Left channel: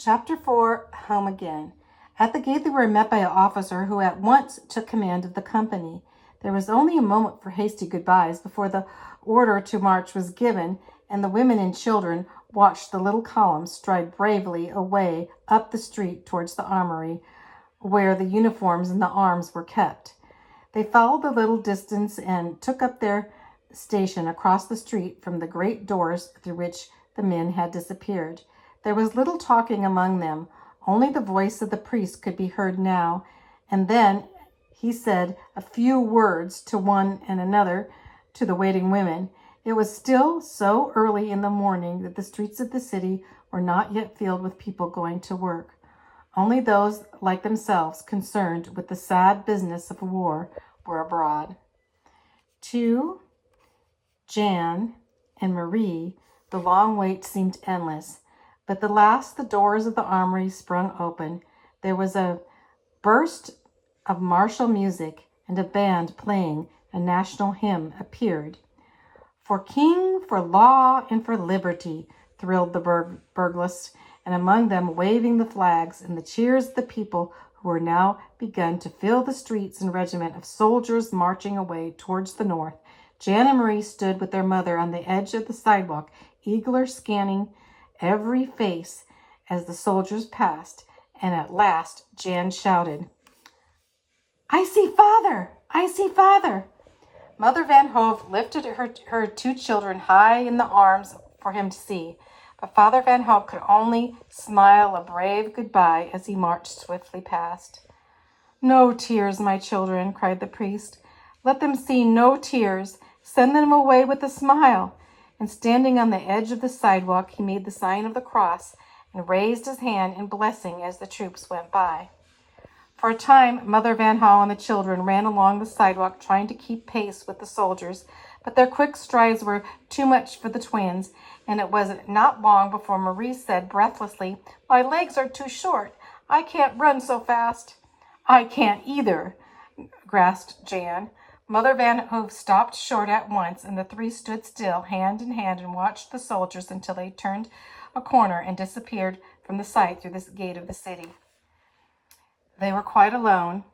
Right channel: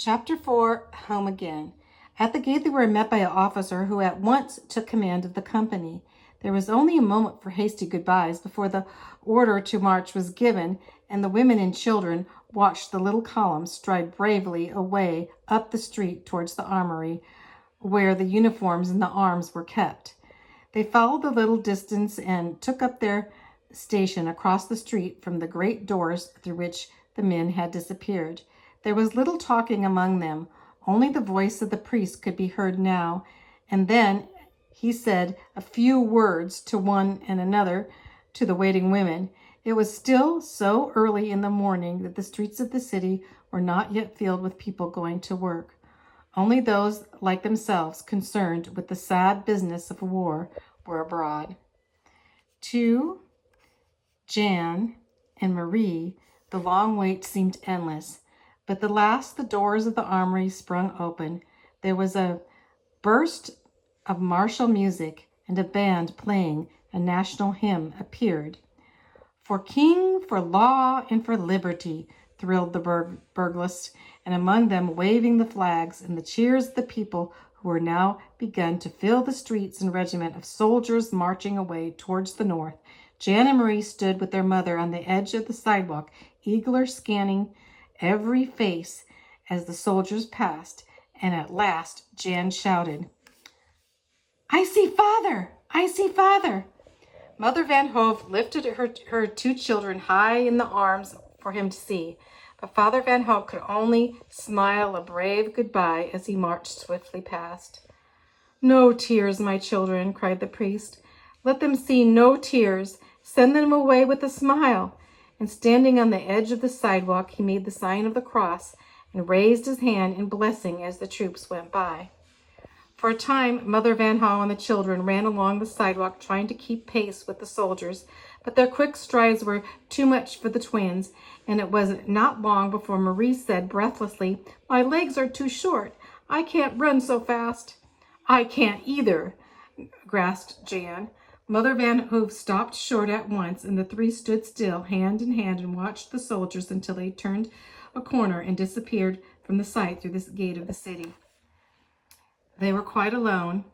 Chapter 4, Home Again. At the gate they were met by an officer who at once took command of the company. There was only a moment for hasty goodbyes before the order to march was given, and the women and children watched the little column stride bravely away up the street towards the armory, where the uniforms and the arms were kept. They followed the little distance and took up their station across the street from the great doors through which the men had disappeared. There was little talking among them. Only the voice of the priest could be heard now, and then he said a few words to one and another to the waiting women. It was still so early in the morning that the streets of the city were not yet filled with people going to work. Only those like themselves concerned with the sad business of war were abroad. To Jan and Marie, the long wait seemed endless. But at last the doors of the armory sprung open. There was a burst of martial music, and a band playing a national hymn appeared. For king, for law, and for liberty, thrilled the burghers, and among them waving the flags and the cheers of the people who were now begun to fill the streets and regiment of soldiers marching away towards the north. Jan and Marie stood with their mother on the edge of the sidewalk, eagerly scanning every face as the soldiers passed, and at last Jan shouted, "I see father! I see father!" Mother Van Hove lifted her two children high in the arms for him to see, but Father Van Hove could only smile a brave goodbye as he marched swiftly past. "No tears, my children," cried the priest. "Let them see no tears. Send them away with a smile." And standing on the edge of the sidewalk, he made the sign of the cross and raised his hand in blessing as the troops went by. For a time, Mother Van Hove and the children ran along the sidewalk trying to keep pace with the soldiers, but their quick strides were too much for the twins, and it was not long before Marie said breathlessly, "My legs are too short. I can't run so fast." "I can't either," gasped Jan. Mother Van Hove stopped short at once, and the three stood still, hand in hand, and watched the soldiers until they turned a corner and disappeared from the sight through the gate of the city. They were quite alone,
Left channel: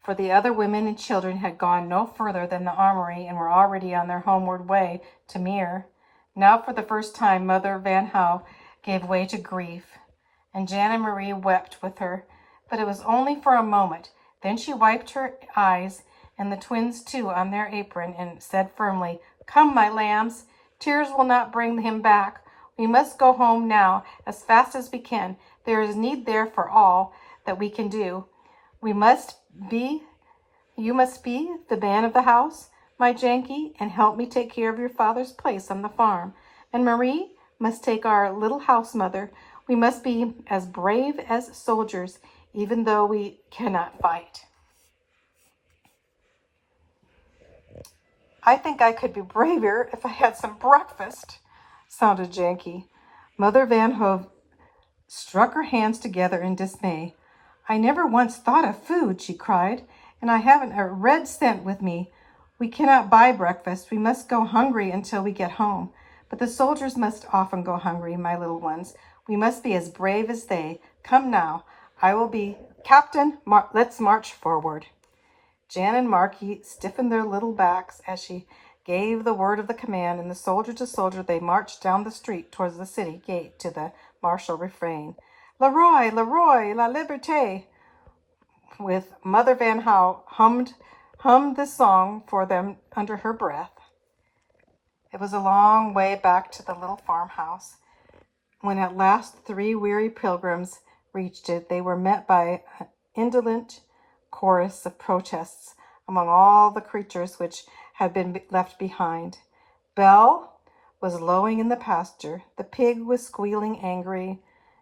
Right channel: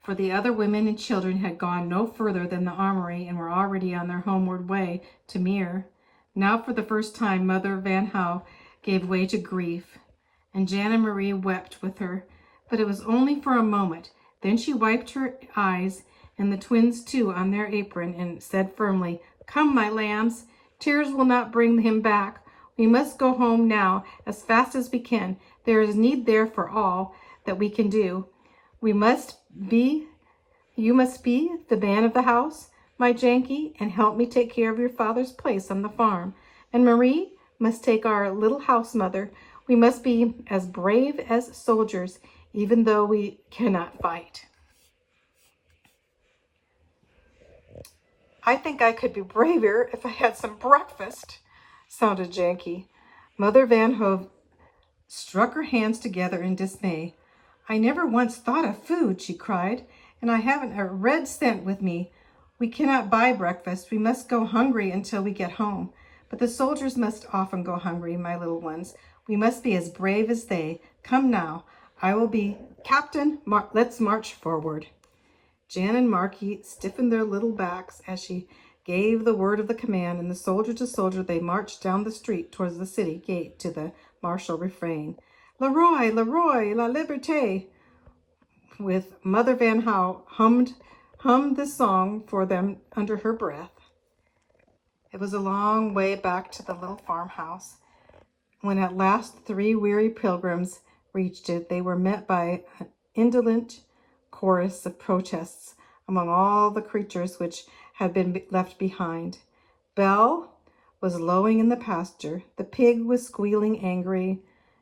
for the other women and children had gone no further than the armory and were already on their homeward way to Meer. Now, for the first time, Mother Van Hove gave way to grief, and Jan and Marie wept with her, but it was only for a moment. Then she wiped her eyes, and the twins too, on their apron, and said firmly, "Come, my lambs, tears will not bring him back. We must go home now as fast as we can. There is need there for all that we can do. You must be the man of the house, my Janky, and help me take care of your father's place on the farm. And Marie must take our little house mother. We must be as brave as soldiers, even though we cannot fight." "I think I could be braver if I had some breakfast," sounded Janky. Mother Van Hove struck her hands together in dismay. "I never once thought of food," she cried, "and I haven't a red cent with me. We cannot buy breakfast. We must go hungry until we get home. But the soldiers must often go hungry, my little ones. We must be as brave as they. Come now, I will be captain. Let's march forward." Jan and Marky stiffened their little backs as she gave the word of the command, and soldier to soldier they marched down the street towards the city gate to the martial refrain, "Le Roi, le Roi, la Liberté," with Mother Van Hove hummed the song for them under her breath. It was a long way back to the little farmhouse. When at last the three weary pilgrims reached it, they were met by an indolent chorus of protests among all the creatures which had been left behind. Belle was lowing in the pasture, the pig was squealing angry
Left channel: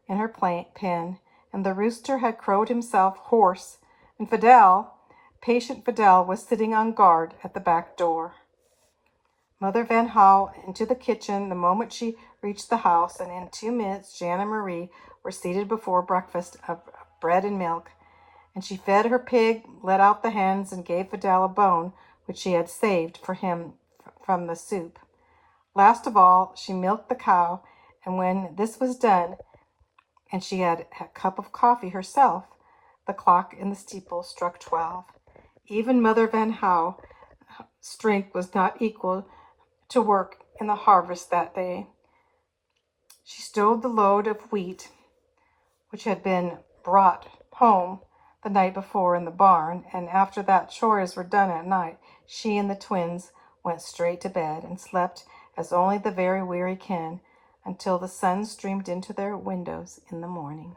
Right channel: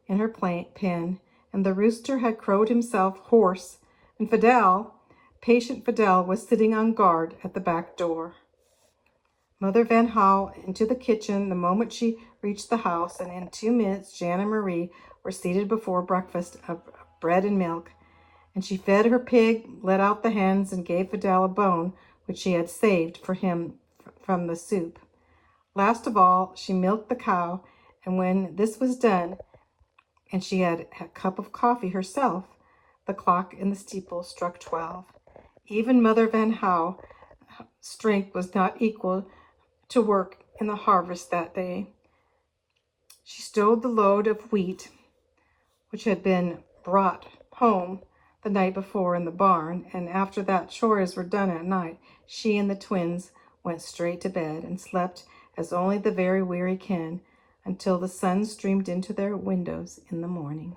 in her pen, and the rooster had crowed himself hoarse, and patient Fidel, was sitting on guard at the back door. Mother Van Hove into the kitchen the moment she reached the house, and in 2 minutes Jan and Marie were seated before breakfast of bread and milk, and she fed her pig, let out the hens, and gave Fidel a bone which she had saved for him from the soup. Last of all, she milked the cow, and when this was done, and she had a cup of coffee herself. The clock in the steeple struck 12. Even Mother Van Hou's strength was not equal to work in the harvest that day. She stowed the load of wheat, which had been brought home the night before in the barn, and after that chores were done at night, she and the twins went straight to bed and slept as only the very weary can, until the sun streamed into their windows in the morning.